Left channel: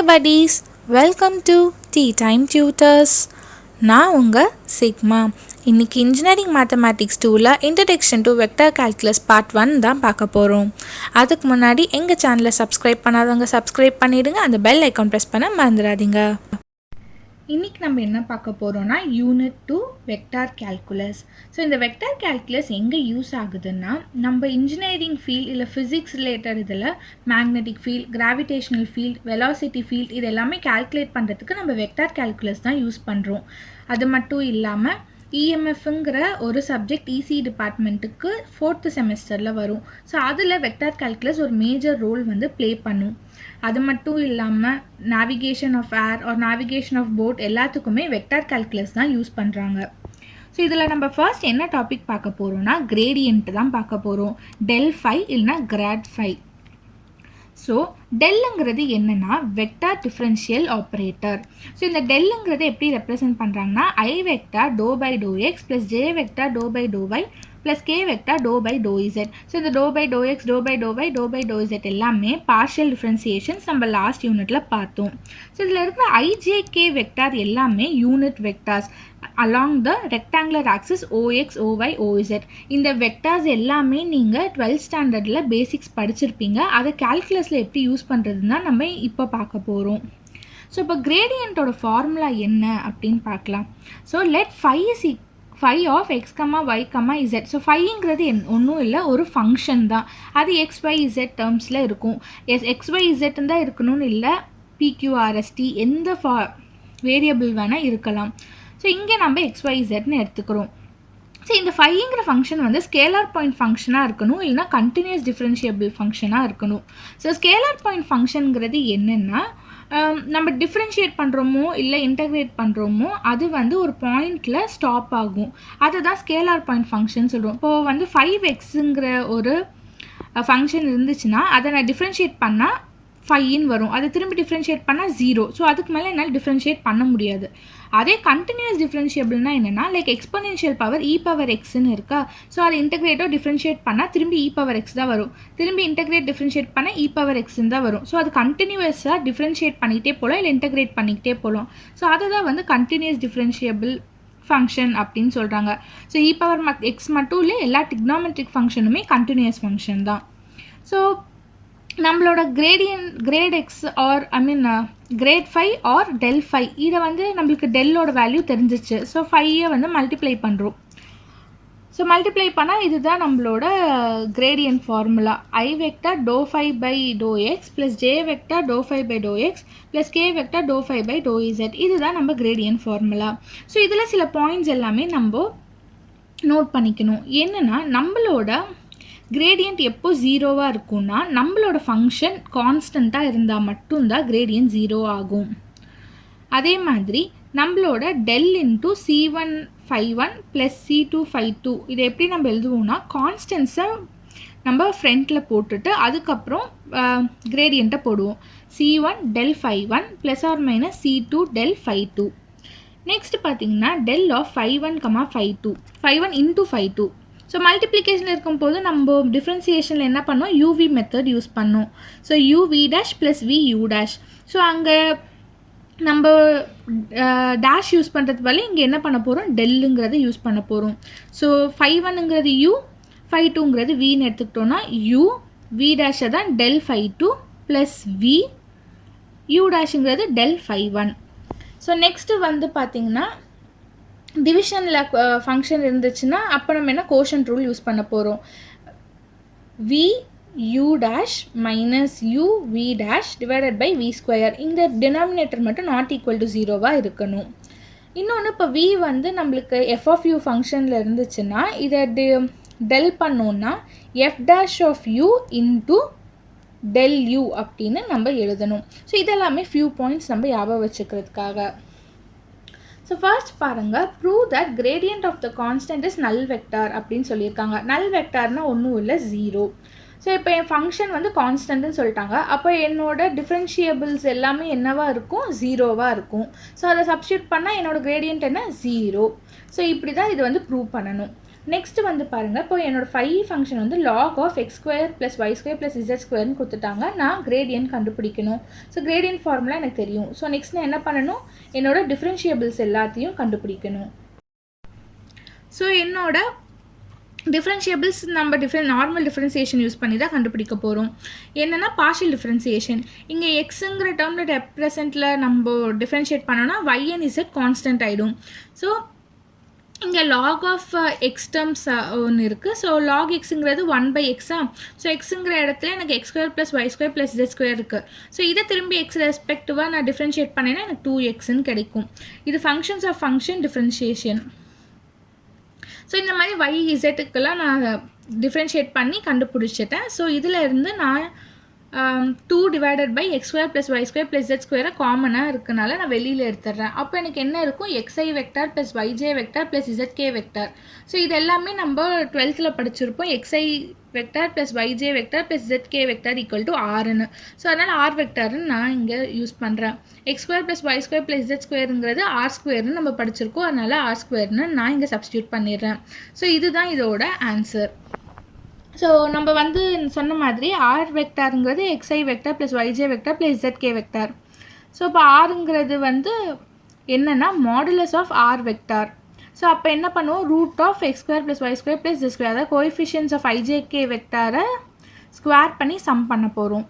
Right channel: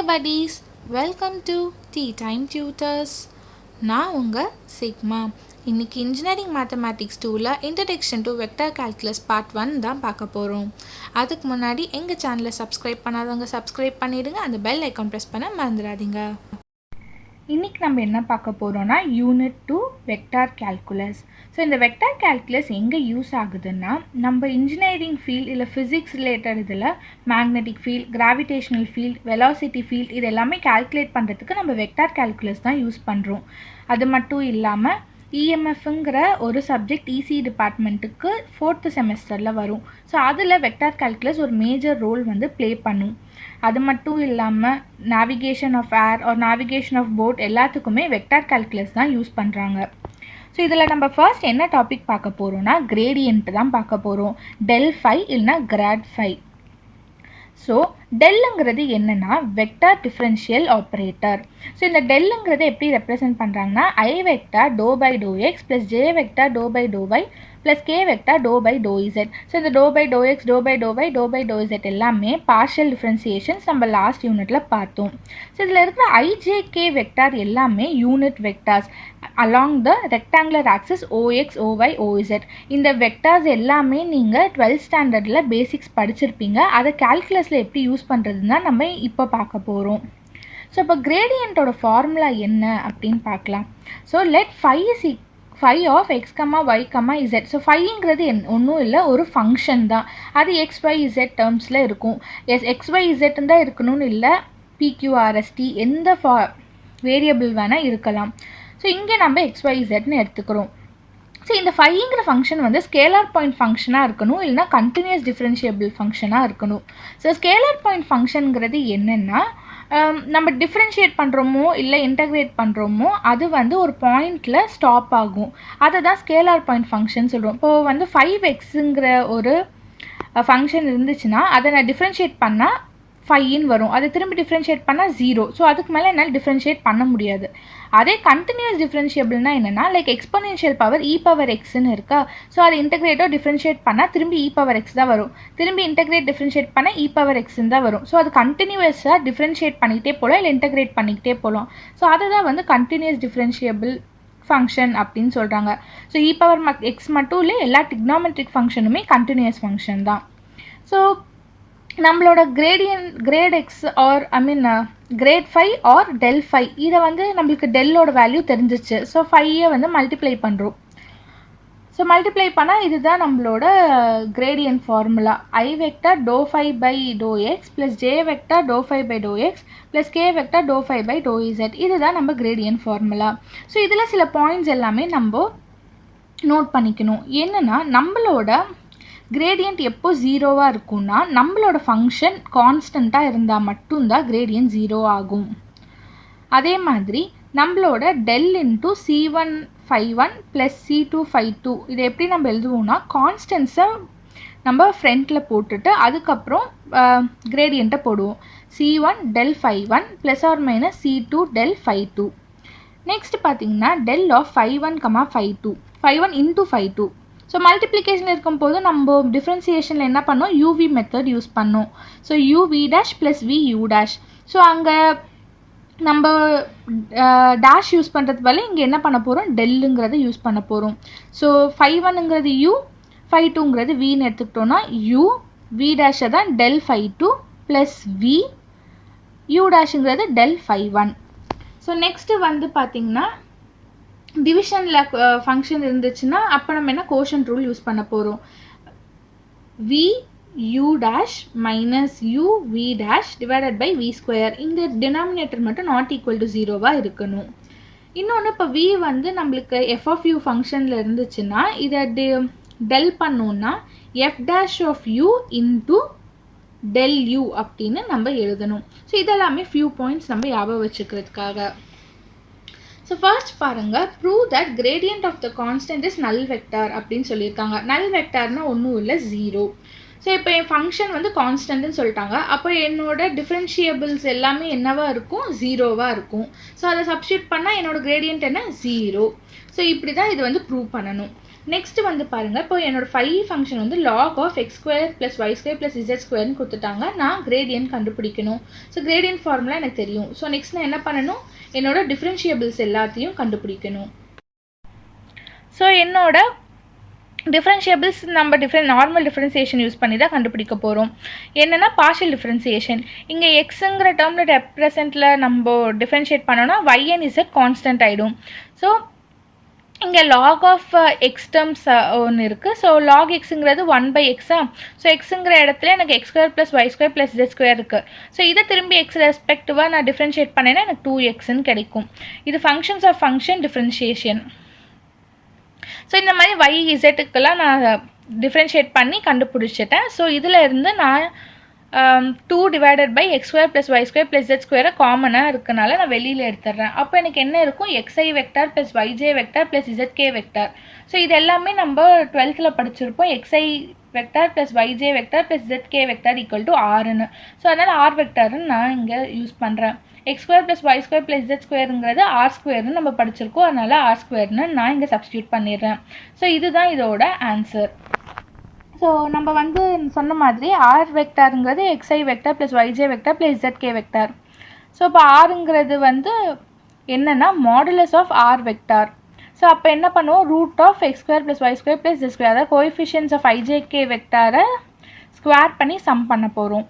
Hey buddies, welcome to Tea Time Tutors. நான் உங்கள் sigma. இன்றைக்கி இன்ஜினியரிங் மேத்தமேட்டிக்ஸ் 2ல் introduction to vector calculus part 1 தான் பார்க்க போகிறோம். அதுக்கு முன்னாடி எங்கள் சேனலை சப்ஸ்கிரைப் பண்ணாதவங்க சப்ஸ்கிரைப் பண்ணிவிடுங்க, அந்த பெல் ஐக்கான் ப்ரெஸ் பண்ண மறந்துடாதீங்க. இன்றைக்கி நம்ம என்ன பார்க்க போகிறோன்னா யூனிட் 2 வெக்டார் கால்குலஸ். ஸோ இந்த வெக்டார் கால்குலஸ் எங்கே யூஸ் ஆகுதுன்னா, நம்ம இன்ஜினியரிங் ஃபீல்ட் இல்லை ஃபிசிக்ஸ் ரிலேட்டட் இதில் magnetic field, gravitational field, velocity field இது எல்லாமே கால்குலேட் பண்ணுறதுக்கு நம்ம வெக்டார் கால்குலஸ் தான் யூஸ் பண்ணுறோம். அது மட்டும் இல்லாமல் இஎம்எஃப்ங்கிற ஒரு சப்ஜெக்ட் இசி டிபார்ட்மெண்ட்டுக்கு 4th செமஸ்டரில் வரும். ஸோ அதில் வெக்டார் கால்குலஸ் ஒரு மேஜர் ரோல் வந்து ப்ளே பண்ணும். அது மட்டும் இல்லாமல் navigation of air or navigation of boat எல்லாத்துக்குமே வெக்டார் கால்குலஸ் தான் யூஸ் பண்ணுறாங்க. ஸோ இதில் நம்ம ஃபர்ஸ்ட் என்ன டாபிக் பார்க்க போகிறோன்னா கிரேடியன்ட் தான் பார்க்க போகிறோம். டெல் ஃபை இல்லைனா கிராட் ஃபை. ஸோ டெல்லுங்கிறது என்னென்னா வெக்டார் டிஃப்ரென்ஷியல் ஆப்ரேட்டர். ஸோ இந்த டெல்லுங்கிறது எப்படி ரெப்ரசென்ட் பண்ணுறாங்கன்னா i vector do by to x plus J vector do by do y plus K vector do by to z. So இந்த do by to x, do by do y, do by to z எல்லாமே partial differentiations நம்ம last யூனிட்டில் பார்த்தோம். So இதில் இருக்கிற i j k vector எல்லாமே unit vectors along the rectangular axis OX, OY, OZ. இந்த vectors எல்லாமே நீங்கள் 12th ஸ்டாண்டர்டில் பேசிக்ஸ் படிச்சிருப்பீங்க. அதை கால்குலஸில் எப்படி யூஸ் பண்ணுறதுன்னு தான் நம்ம இப்போ பார்க்க போகிறோம். ஸோ இப்போ கிரேடியண்ட்டோட ஃபார்முலா என்ன அப்படின்னு பார்க்கலாம். So let phi of x comma y comma z. So ஃபைங்கிறது ஒன்றும் இல்லை, ஒரு ஃபங்க்ஷன் தான். அது எக்ஸ் ஒய் இசட் டேர்ம்ஸில் இருக்கும். எக்ஸ் ஒய் இசட்னு தான் இருக்கணும்னு இல்லை, பிக்யூஆர்எஸ்டி எந்த வேரியபிள் வேணால் இருக்கலாம். ஸோ இங்கே நம்ம எக்ஸ் ஒய் இசட்னு எடுத்துக்கிறோம். ஸோ இந்த ஃபைங்கிற ஃபங்க்ஷன் வந்து ஸ்கேலார் பாயிண்ட் ஃபங்க்ஷனாக இருக்கணும், இல்லைனா கண்டினியூஸ் டிஃப்ரென்ஷியபிள் ஃபங்க்ஷனாக இருக்கணும். ஸோ ஸ்கேலார் பாயிண்ட் ஃபங்க்ஷனுங்கிறது என்னென்னா, நம்ம டிஃப்ரென்ஷியேட் பண்ணுறோமோ இல்லை இன்டகிரேட் பண்ணுறோமோ அது வந்து ஒரு பாயிண்டில் ஸ்டாப் ஆகும். அதை தான் ஸ்கேலார் பாயிண்ட் ஃபங்க்ஷன் சொல்கிறோம். இப்போது வந்து 5xங்கிற ஒரு ஃபங்க்ஷன் இருந்துச்சுன்னா அதை நான் டிஃப்ரென்ஷியேட் பண்ணால் 5 வரும். அதை திரும்பி டிஃப்ரென்ஷியேட் பண்ணால் 0. ஸோ அதுக்கு மேலே என்னால் டிஃப்ரென்ஷியேட் பண்ண முடியாது. அதே கண்டினியூஸ் டிஃப்ரென்ஷியபிள்னா என்னென்னா, like exponential power e power எக்ஸ்ன்னு இருக்கா. ஸோ அதை இன்டகிரேட்டோ டிஃப்ரென்ஷியேட் பண்ணால் திரும்பி இ பவர் எக்ஸ் தான் வரும். திரும்பி இன்டகிரேட் டிஃப்ரென்ஷியேட் பண்ணால் இ பவர் எக்ஸ்ன்னு தான் வரும். ஸோ அது கண்டினியூஸாக டிஃப்ரென்ஷியேட் பண்ணிகிட்டே போகலாம், இல்லை இன்டகிரேட் பண்ணிக்கிட்டே போகலாம். ஸோ அதை தான் வந்து கண்டினியூஸ் டிஃப்ரென்ஷியபிள் ஃபங்க்ஷன் அப்படின்னு சொல்கிறாங்க. ஸோ இ பவர் எக்ஸ் மட்டும் இல்லை, எல்லா டிக்னாமெட்ரிக் ஃபங்க்ஷனுமே கண்டினியூஸ் ஃபங்க்ஷன் தான். ஸோ நம்மளோட grad x or grad phi or del phi, இதை வந்து நம்மளுக்கு டெல்லோட வேல்யூ தெரிஞ்சிச்சு. ஸோ ஃபையை வந்து மல்டிப்ளை பண்ணுறோம். ஸோ மல்டிப்ளை பண்ணால் இதுதான் நம்மளோட gradient formula. I vector doe phi by to x plus J vector doe phi by to x plus K vector doe phi by to z. இதுதான் நம்ம கிரேடியன்ட் ஃபார்முலா. ஸோ இதில் சில points எல்லாமே நம்ம note பண்ணிக்கணும். என்னென்னா, நம்மளோட கிரேடியன்ட் எப்போ 0வாக இருக்கும்னா, நம்மளோட ஃபங்க்ஷன் கான்ஸ்டண்ட்டாக இருந்தால் மட்டும்தான் கிரேடியன்ட் 0 ஆகும். அதே மாதிரி நம்மளோட del into C1 φ1 plus C2 φ2 இதை எப்படி நம்ம எழுதுவோம்னா, கான்ஸ்டன்ஸை நம்ம ஃப்ரண்ட்டில் போட்டுட்டு அதுக்கப்புறம் கிரேடியண்ட்டை போடுவோம். C1 del φ1 plus r minus C2 del φ2. Next பார்த்தீங்கன்னா del of φ1 comma φ2, φ1 into φ2. So மல்டிப்ளிகேஷனில் இருக்கும்போது நம்ம டிஃப்ரென்சியேஷனில் என்ன பண்ணோம், யூவி மெத்தட் யூஸ் பண்ணோம். So u v dash plus v you dash. So அங்கே நம்ம டேஷ் யூஸ் பண்ணுறது போல இங்கே என்ன பண்ண போகிறோம், டெல்லுங்கிறத யூஸ் பண்ண போகிறோம். ஸோ φ1ங்கிறது யூ, φ2ங்கிறது வின்னு எடுத்துக்கிட்டோன்னா யூ வி டேஷை தான் டெல் φ2 ப்ளஸ் வி யூ டேஷுங்கிறது டெல் φ1. ஸோ நெக்ஸ்ட்டு வந்து பார்த்திங்கன்னா டிவிஷனில் ஃபங்க்ஷன் இருந்துச்சுன்னா அப்போ நம்ம என்ன கோஷன்ட் ரூல் யூஸ் பண்ண போகிறோம். V you dash minus U V dash divided by V square. இந்த டினாமினேட்டர் மட்டும் நாட் ஈக்குவல் டு 0வாக இருக்கணும். இன்னொன்று, இப்போ வி வந்து நம்மளுக்கு எஃப் ஆஃப் யூ ஃபங்க்ஷனில் இருந்துச்சுன்னா இதை டெல் பண்ணோன்னா F dash of U into del U அப்படின்னு நம்ம எழுதணும். ஸோ இதெல்லாமே ஃபியூ பாயிண்ட்ஸ் நம்ம ஞாபகம் வச்சுக்கிறதுக்காக. ஸோ ஃபர்ஸ்ட் பாருங்கள், prove that gradient of the constant is null vector அப்படின்னு சொல்லியிருக்காங்க. நல் வெக்டார்னால் ஒன்றும் இல்லை, 0. ஸோ இப்போ என் ஃபங்க்ஷன் வந்து கான்ஸ்டன்ட்னு சொல்லிட்டாங்க. அப்போ என்னோட டிஃப்ரென்ஷியபிள்ஸ் எல்லாமே என்னவாக இருக்கும், 0வாக இருக்கும். ஸோ அதை சப்ஸ்டியூட் பண்ணால் என்னோடய கிரேடியன்ட் என்ன, 0. ஸோ இப்படி தான் இது வந்து ப்ரூவ் பண்ணணும். நெக்ஸ்ட்டு வந்து பாருங்கள், இப்போ என்னோடய ஃபை ஃபங்க்ஷன் வந்து log of x² + y² + z² கொடுத்துட்டாங்க. நான் கிரேடியன்ட் கண்டுபிடிக்கணும். ஸோ கிரேடியன்ட் ஃபார்முலா எனக்கு தெரியும். ஸோ நெக்ஸ்ட் நான் என்ன பண்ணணும், என்னோட டிஃப்ரென்ஷியபிள்ஸ் எல்லாத்தையும் கண்டுபிடிக்கணும். ஸோ என்னோட டிஃப்ரென்ஷியபிள்ஸ் நம்ம நார்மல் டிஃப்ரென்சியேஷன் யூஸ் பண்ணி தான் கண்டுபிடிக்க போகிறோம். என்னென்னா பார்ஷியல் டிஃப்ரென்சியேஷன். இங்கே எக்ஸுங்கிற டேர்மில் ரெப்ரசென்ட்டில் நம்ம டிஃப்ரென்ஷியேட் பண்ணோன்னா y and z கான்ஸ்டன்ட் ஆகிடும். ஸோ இங்கே log of x டேர்ம்ஸ் ஒன்று இருக்குது. So log xங்கிறது 1/x. ஸோ எக்ஸுங்கிற இடத்துல எனக்கு x² + y² + z² இருக்குது. ஸோ இதை திரும்பி எக்ஸ் ரெஸ்பெக்டிவாக நான் டிஃப்ரென்ஷியேட் பண்ணேன்னா எனக்கு 2xன்னு கிடைக்கும். இது functions of function differentiation. So இந்த மாதிரி y zக்குலாம் நான் டிஃப்ரென்ஷியேட் பண்ணி கண்டுபிடிச்சிட்டேன். ஸோ இதில் இருந்து நான் 2 / x² + y² + z² காமனாக இருக்கனால நான் வெளியில் எடுத்துடுறேன். அப்போ எனக்கு என்ன இருக்கும், xi vector + yj vector + zk vector. So இது எல்லாமே நம்ம 12th படிச்சிருப்போம். xi vector + yj vector + zk vector = rன்னு. ஸோ அதனால் r வெக்டார்னு நான் இங்கே யூஸ் பண்ணுறேன். x² + y² + z²ங்கிறது r² நம்ம படிச்சிருக்கோம். அதனால் r²ன்னு நான் இங்கே சப்ஸ்டியூட் பண்ணிடுறேன். ஸோ இதுதான் இதோட ஆன்சர். ஸோ நம்ம வந்து சொன்ன மாதிரி ஆர் வெக்டாருங்கிறது xi vector + yj vector + zk vector. So இப்போ ஆருங்கிறது வந்து என்னென்னா modulus of r vector. So அப்போ என்ன பண்ணுவோம், √(x² + y² + z²), அதாவது கோஎஃபிஷியன்ட்ஸ் ஆஃப் ijk வெக்டாரை ஸ்கொயர் பண்ணி சம் பண்ண போகிறோம்.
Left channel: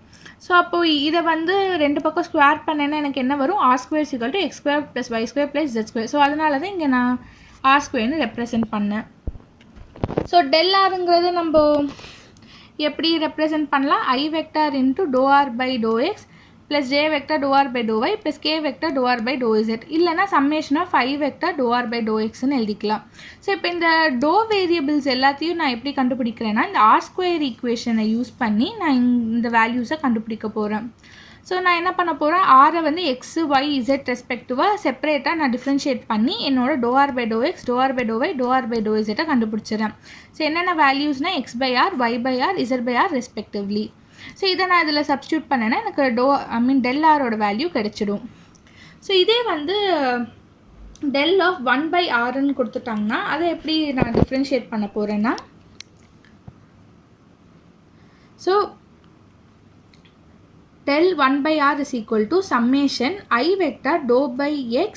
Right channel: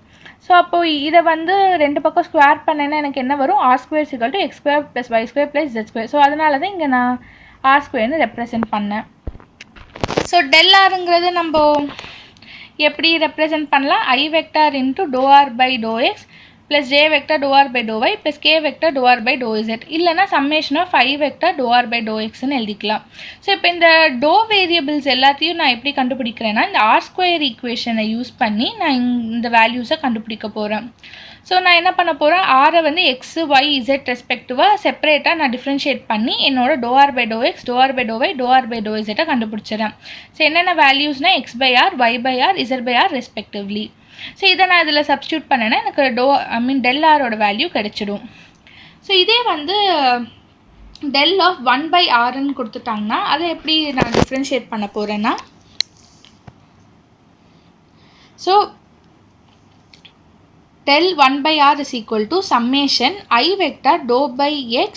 ஸோ அப்போது இதை வந்து ரெண்டு பக்கம் ஸ்கொயர் பண்ணேன்னா எனக்கு என்ன வரும், r² = x² + y² + z². So அதனால தான் இங்கே நான் r²ன்னு ரெப்ரசென்ட் பண்ணேன். ஸோ ∇rங்கிறது நம்ம எப்படி ரெப்ரசென்ட் பண்ணலாம், i vector × ∂r/∂x + j vector ∂r/∂y + k vector ∂r/∂z, இல்லைனா சம்மேஷன் ஆஃப் i வெக்டார் ∂r/∂xன்னு எழுதிக்கலாம். ஸோ இப்போ இந்த வேரியபிள்ஸ் எல்லாத்தையும் நான் எப்படி கண்டுபிடிக்கிறேன்னா, இந்த r² ஈக்குவேஷனை யூஸ் பண்ணி நான் இந்த வேல்யூஸை கண்டுபிடிக்க போகிறேன். ஸோ நான் என்ன பண்ண போகிறேன், ஆரை வந்து x, y, z ரெஸ்பெக்டிவாக செப்பரேட்டாக நான் டிஃப்ரென்ஷியேட் பண்ணி என்னோட ∂r/∂x, ∂r/∂y, ∂r/∂z கண்டுபிடிச்சிடறேன். ஸோ என்னென்ன வேல்யூஸ்னால் x/r, y/r, z/r respectively. So இதை நான் இதில் சப்ஸ்டியூட் பண்ணேன்னா எனக்கு ∇r வேல்யூ கிடைச்சிடும். ஸோ இதே வந்து ∇(1/rன்னு கொடுத்துட்டாங்கன்னா அதை எப்படி நான் டிஃப்ரென்ஷியேட் பண்ண போகிறேன்னா, so ∇(1/r) = summation i vector ∂x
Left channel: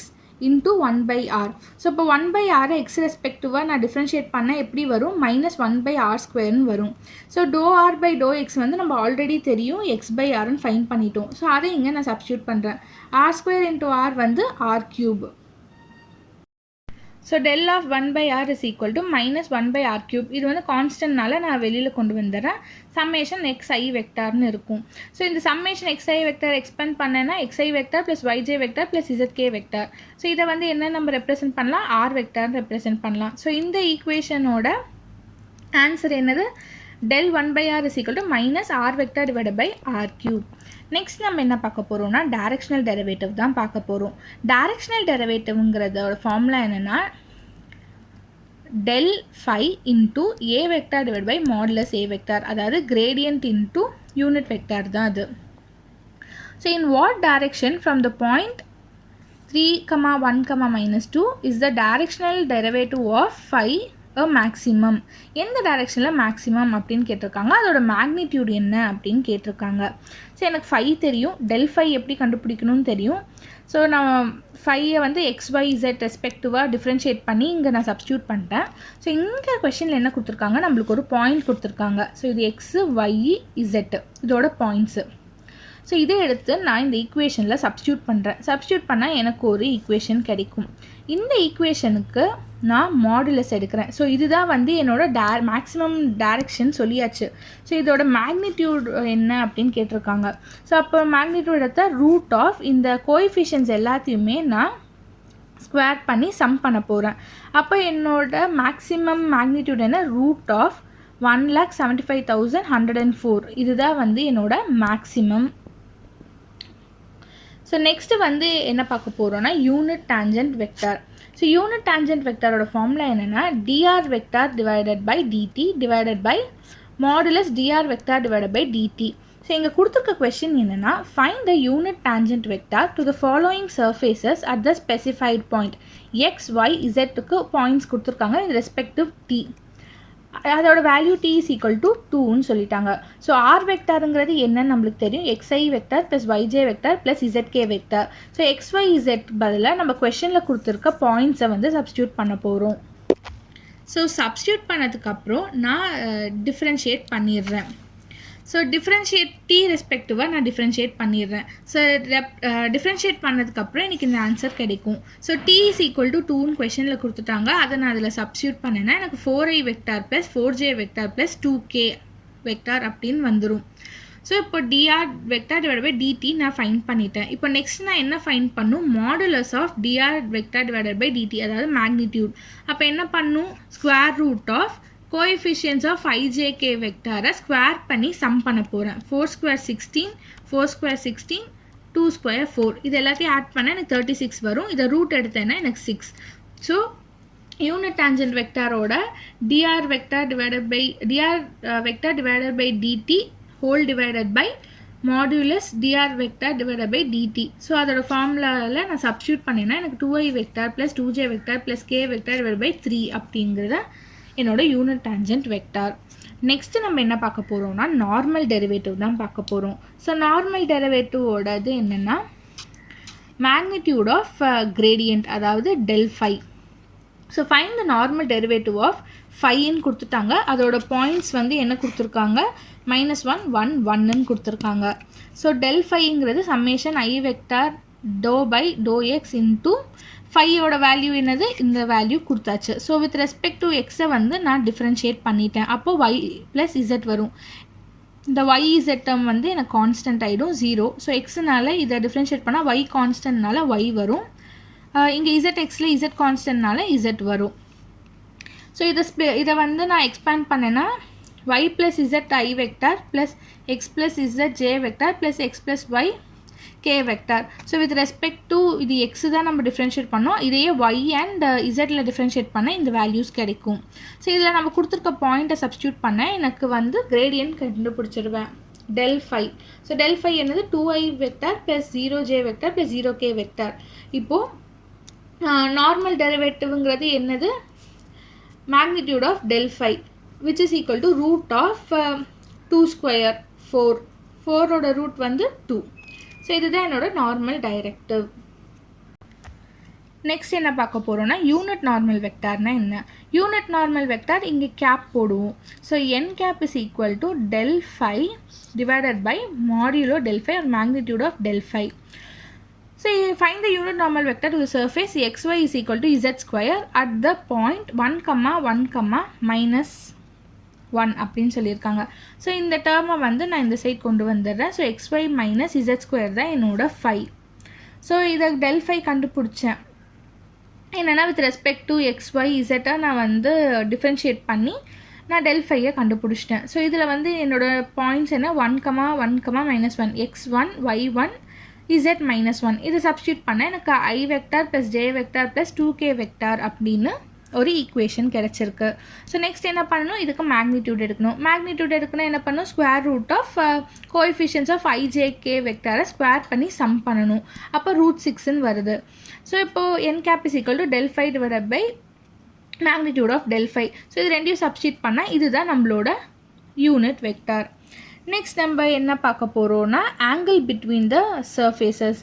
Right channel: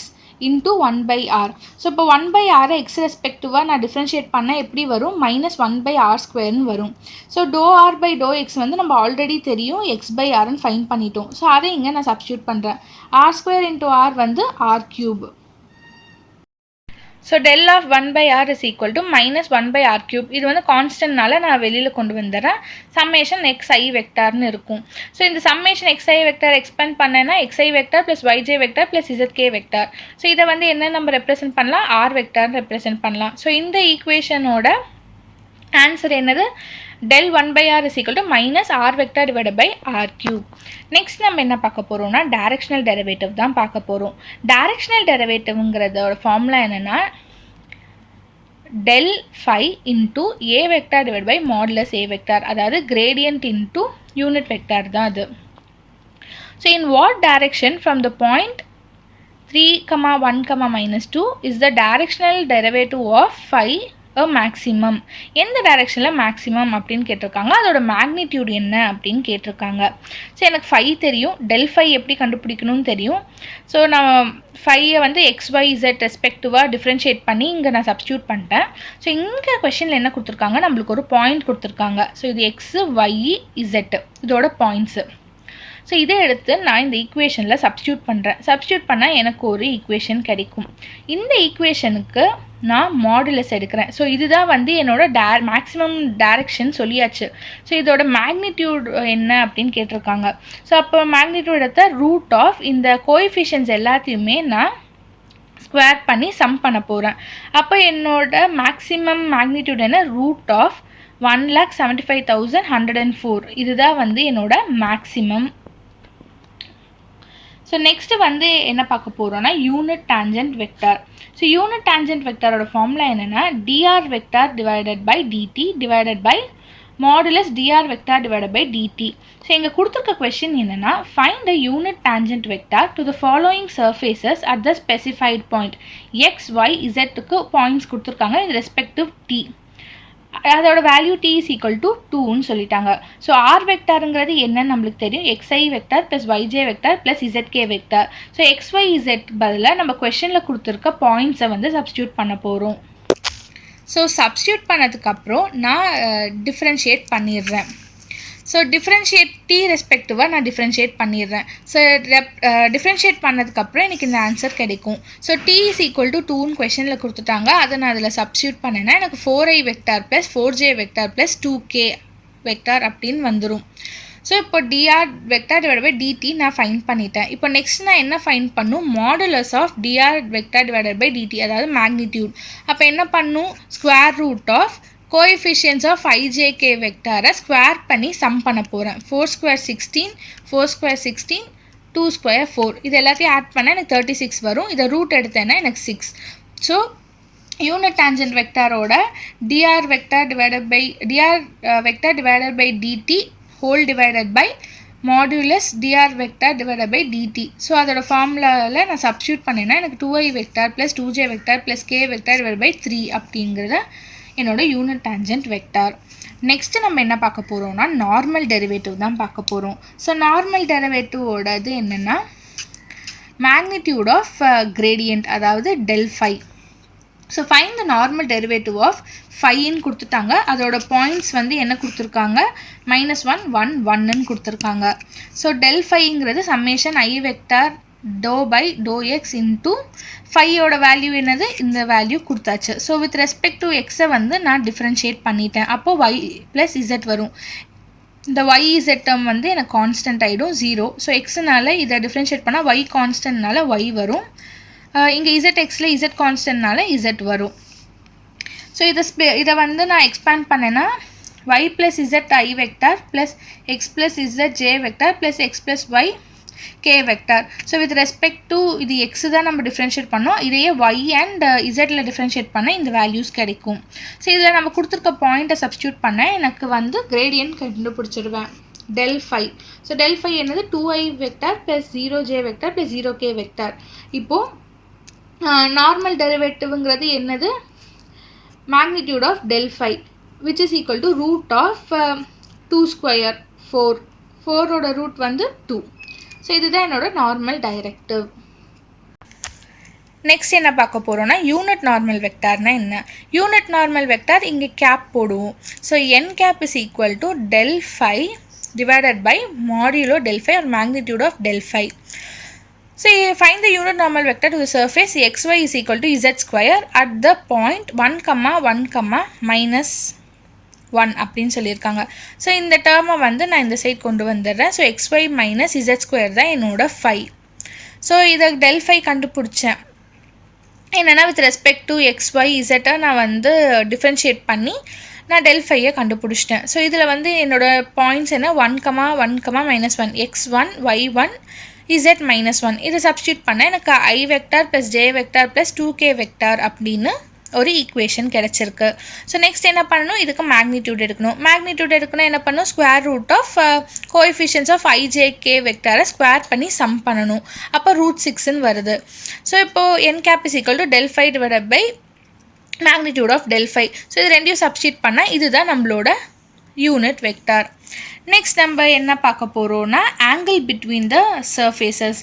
× 1/r. So இப்போ 1/r எக்ஸ் ரெஸ்பெக்டிவாக நான் டிஃப்ரென்ஷியேட் பண்ணால் எப்படி வரும், -1/r² வரும். ஸோ ∂r/∂x வந்து நம்ம ஆல்ரெடி தெரியும், x/rன்னு ஃபைன் பண்ணிட்டோம். ஸோ அதை இங்கே நான் சப்ஸ்டியூட் பண்ணுறேன். r² × r வந்து r³. So ∇(1/r) = -1/r³. இது வந்து கான்ஸ்டன்ட்னால நான் வெளியில் கொண்டு வந்துடுறேன். சம்மேஷன் xi வெக்டார்னு இருக்கும். ஸோ இந்த சம்மேஷன் xi வெக்டார் எக்ஸ்பெண்ட் பண்ணேன்னா xi vector + yj vector + zk vector. So இதை வந்து என்ன நம்ம ரெப்ரசென்ட் பண்ணலாம், r வெக்டார்னு ரெப்ரசென்ட் பண்ணலாம். ஸோ இந்த ஈக்குவேஷனோட ஆன்சர் என்னது, ∇(1/r) = -r vector / r³. Next நம்ம என்ன பார்க்க போகிறோம்னா, டைரக்ஷனல் டெரிவேட்டிவ் தான் பார்க்க போகிறோம். டைரக்ஷனல் டெரிவேட்டிவ்ங்கிறதோட ஃபார்முலா என்னென்னா, ∇φ × a vector / modulus a vector, அதாவது கிரேடியன்ட் × யூனிட் வெக்டார் தான் அது. So in what direction from the point 3, 1, -2 is the directional derivative of φ a maximum. எந்த டைரெக்ஷனில் மேக்ஸிமம் அப்படின்னு கேட்டிருக்காங்க, அதோட மேக்னிடியூட் என்ன அப்படின்னு கேட்டிருக்காங்க. ஸோ எனக்கு φ தெரியும், ∇φ எப்படி கண்டுபிடிக்கணும்னு தெரியும். ஸோ நான் φயை வந்து x, y, z ரெஸ்பெக்டிவாக டிஃப்ரென்ஷியேட் பண்ணி இங்கே நான் சப்ஸ்டியூட் பண்ணிட்டேன். ஸோ இங்கே கொஷனில் என்ன கொடுத்துருக்காங்க, நம்மளுக்கு ஒரு பாயிண்ட் கொடுத்துருக்காங்க. ஸோ இது x, y, z இதோட பாயிண்ட்ஸு. ஸோ இதை எடுத்து நான் இந்த ஈக்குவேஷனில் சப்ஸ்டியூட் பண்ணுறேன். சப்ஸ்டியூட் பண்ணால் எனக்கு ஒரு ஈக்குவேஷன் கிடைக்கும். இந்த ஈக்குவேஷனுக்கு நான் மாடுலஸ் எடுக்கிறேன். ஸோ இதுதான் வந்து என்னோட மேக்ஸிமம் டைரக்ஷன் சொல்லியாச்சு. ஸோ இதோட மேக்னிடியூட் என்ன அப்படின்னு கேட்டிருக்காங்க. ஸோ அப்போ மேக்னிடியூட் எடுத்த √ இந்த கோஎஃபிஷியன்ட்ஸ் எல்லாத்தையுமே நான் ஸ்கொயர் பண்ணி சம் பண்ண போகிறேன். அப்போ என்னோட மேக்ஸிமம் மேக்னிடியூட் என்ன, √ 1,75,104. இதுதான் வந்து என்னோட மேக்ஸிமம். ஸோ நெக்ஸ்ட்டு வந்து என்ன பார்க்க போகிறோன்னா, unit tangent vector. So unit tangent வெக்டாரோட ஃபார்முலா என்னென்னா, dr vector /dt modulus dr vector /dt. So இங்கே கொடுத்துருக்க கொஸ்டின் என்னென்னா, find the unit tangent vector to the following surfaces at the specified point x, y, zக்கு points கொடுத்துருக்காங்க, இது respective t. அதோட value t is equal to 2ன்னு சொல்லிட்டாங்க. So r வெக்டாருங்கிறது என்னன்னு நம்மளுக்கு தெரியும், xi vector plus yj vector plus zk vector. So xyz பதிலாக நம்ம கொஷனில் கொடுத்துருக்க பாயிண்ட்ஸை வந்து சப்ஸ்டியூட் பண்ண போகிறோம். ஸோ சப்ஸ்டியூட் பண்ணதுக்கப்புறம் நான் டிஃப்ரென்ஷியேட் பண்ணிடுறேன். ஸோ டிஃப்ரென்ஷியேட் டி ரெஸ்பெக்டிவாக நான் டிஃப்ரென்ஷியேட் பண்ணிடுறேன். ஸோ டிஃப்ரென்ஷியேட் பண்ணதுக்கப்புறம் எனக்கு இந்த ஆன்சர் கிடைக்கும். So t is equal to 2ன்னு கொஷனில் கொடுத்துட்டாங்க, அதை நான் அதில் சப்ஸ்டியூட் பண்ணேன்னா எனக்கு 4i vector plus 4j vector plus 2k vector அப்படின்னு வந்துடும். ஸோ இப்போ dr vector divide by dt நான் ஃபைன் பண்ணிட்டேன். இப்போ நெக்ஸ்ட் நான் என்ன ஃபைன் பண்ணும், modulus of dr vector divide by dt, அதாவது மேக்னிடியூட். அப்போ என்ன பண்ணும், square root of coefficients of ijk வெக்டாரை ஸ்கொயர் பண்ணி சம் பண்ண போகிறேன். 4 ஸ்கொயர் 16, 4 ஸ்கொயர் 16, 2 ஸ்கொயர் 4, இது எல்லாத்தையும் ஆட் பண்ணால் எனக்கு 36 வரும். இதை ரூட் எடுத்தேன்னா எனக்கு 6. ஸோ யூனிட் டான்ஜென்ட் வெக்டாரோட dr vector divided by dt whole divided by modulus dr vector divided by dt. So அதோட ஃபார்முலாவில் நான் சப்ஸ்டியூட் பண்ணேன்னா எனக்கு 2i vector plus 2j vector plus k vector divide by 3 அப்படிங்கிறத என்னோட யூனிட் டான்ஜென்ட் வெக்டார். நெக்ஸ்ட்டு நம்ம என்ன பார்க்க போகிறோம்னா நார்மல் டெரிவேட்டிவ் தான் பார்க்க போகிறோம். ஸோ நார்மல் டெரிவேட்டிவோடது என்னென்னா மேக்னிடியூட் ஆஃப் கிரேடியன்ட், அதாவது del phi. So find the normal derivative of ஃபைன்னு கொடுத்துட்டாங்க. அதோட பாயிண்ட்ஸ் வந்து என்ன கொடுத்துருக்காங்க, -1 1 1ன்னு கொடுத்துருக்காங்க. ஸோ del phiங்கிறது summation i vector do by to x into ஃபையோட வேல்யூ என்னது, இந்த வேல்யூ கொடுத்தாச்சு. ஸோ வித் ரெஸ்பெக்ட் டு எக்ஸை வந்து நான் டிஃப்ரென்ஷியேட் பண்ணிட்டேன். அப்போது y ப்ளஸ் z வரும். இந்த yz டேர்ம் வந்து எனக்கு கான்ஸ்டன்ட் ஆகிடும் 0. ஸோ எக்ஸுனால இதை டிஃப்ரென்ஷியேட் பண்ணால் y கான்ஸ்டன்ட்னால y வரும். இங்கே zxல z கான்ஸ்டன்ட்னால z வரும். ஸோ இதை வந்து நான் எக்ஸ்பேண்ட் பண்ணேன்னா y plus z i vector plus x plus z j vector plus x plus y k vector. So with respect to இது எக்ஸு தான் நம்ம டிஃப்ரென்ஷியேட் பண்ணோம், இதையே y அண்ட் இசட்டில் டிஃப்ரென்ஷியேட் பண்ண இந்த வேல்யூஸ் கிடைக்கும். ஸோ இதில் நம்ம கொடுத்துருக்க பாயிண்ட்டை சப்ஸ்டியூட் பண்ண எனக்கு வந்து கிரேடியன்ட் கண்டுபிடிச்சிடுவேன் del phi. So del phi என்னது 2i vector plus 0j vector plus 0k vector. இப்போது நார்மல் டெரிவேட்டிவ்ங்கிறது என்னது, magnitude of del phi which is equal to root of 2 square 4, 4ஓட ரூட் வந்து 2. ஸோ இதுதான் என்னோட நார்மல் டைரக்டிவ். நெக்ஸ்ட் என்ன பார்க்க போகிறோன்னா யூனிட் நார்மல் வெக்டார்னா என்ன. யூனிட் நார்மல் வெக்டார் இங்கே கேப் போடுவோம். So n cap is equal to del phi divided by modulo del phi or magnitude of del phi. So find the unit normal vector to the surface xy is equal to z square at the point 1, 1, -1 அப்படின்னு சொல்லியிருக்காங்க. So இந்த டேர்மை வந்து நான் இந்த side கொண்டு வந்துடுறேன். So xy minus z square தான் என்னோட phi. ஸோ இதை del phi கண்டுபிடிச்சேன். என்னென்னா with respect to xy z நான் வந்து டிஃப்ரென்ஷியேட் பண்ணி நான் del phi-யை கண்டுபிடிச்சிட்டேன். ஸோ இதில் வந்து என்னோடய பாயிண்ட்ஸ் என்ன 1, 1, -1 x1 y1 z -1. இதை சப்ஸ்டியூட் பண்ண எனக்கு i vector plus j vector plus 2k vector அப்படின்னு ஒரு ஈக்குவேஷன் கிடச்சிருக்கு. ஸோ நெக்ஸ்ட் என்ன பண்ணணும், இதுக்கு மேக்னிடியூட் எடுக்கணும். மேக்னிடியூட் எடுக்கணும் என்ன பண்ணணும், square root of coefficients of ijk வெக்டாரை ஸ்கொயர் பண்ணி சம் பண்ணணும். அப்போ √6ன்னு வருது. ஸோ இப்போது n cap is equal to del phi divided by magnitude of del phi. So இது ரெண்டையும் சப்ஸ்டியூட் பண்ணால் இதுதான் நம்மளோட யூனிட் வெக்டார். நெக்ஸ்ட் நம்ம என்ன பார்க்க போகிறோம்னா angle between the surfaces.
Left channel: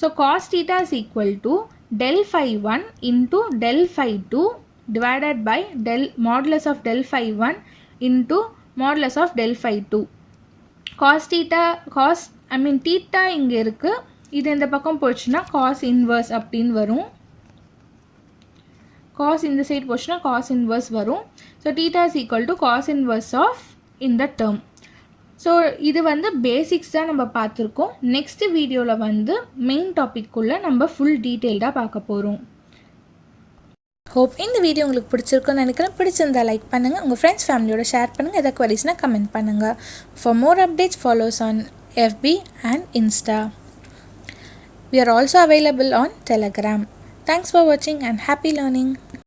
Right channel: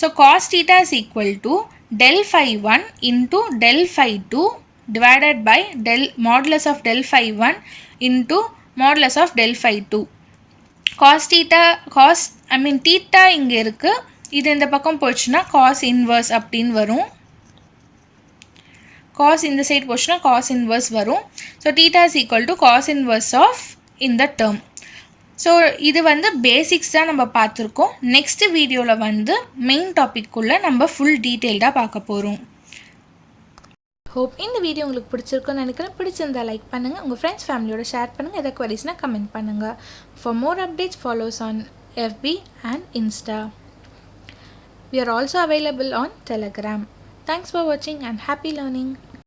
So cos theta is equal to del phi 1 into del phi 2 divided by modulus of del phi 1 into modulus of del phi 2. theta இங்கே இருக்குது, இது இந்த பக்கம் போச்சுன்னா cos inverse அப்படின்னு வரும். cos இந்த சைடு போச்சுன்னா cos inverse வரும். So theta is equal to cos inverse of இந்த term. ஸோ இது வந்து பேசிக்ஸ் தான் நம்ம பார்த்துருக்கோம். நெக்ஸ்ட் வீடியோவில் வந்து மெயின் டாபிக்குள்ளே நம்ம ஃபுல் டீட்டெயில்டாக பார்க்க போகிறோம். ஹோப் இந்த வீடியோ உங்களுக்கு பிடிச்சிருக்குன்னு நினைக்கிறேன். பிடிச்சிருந்தால் லைக் பண்ணுங்கள், உங்கள் ஃப்ரெண்ட்ஸ் ஃபேமிலியோட ஷேர் பண்ணுங்கள், எதாவது குவரிஸ்னால் கமெண்ட் பண்ணுங்கள். For more updates follows on FB and Insta. We are also available on Telegram. Thanks for watching and happy learning.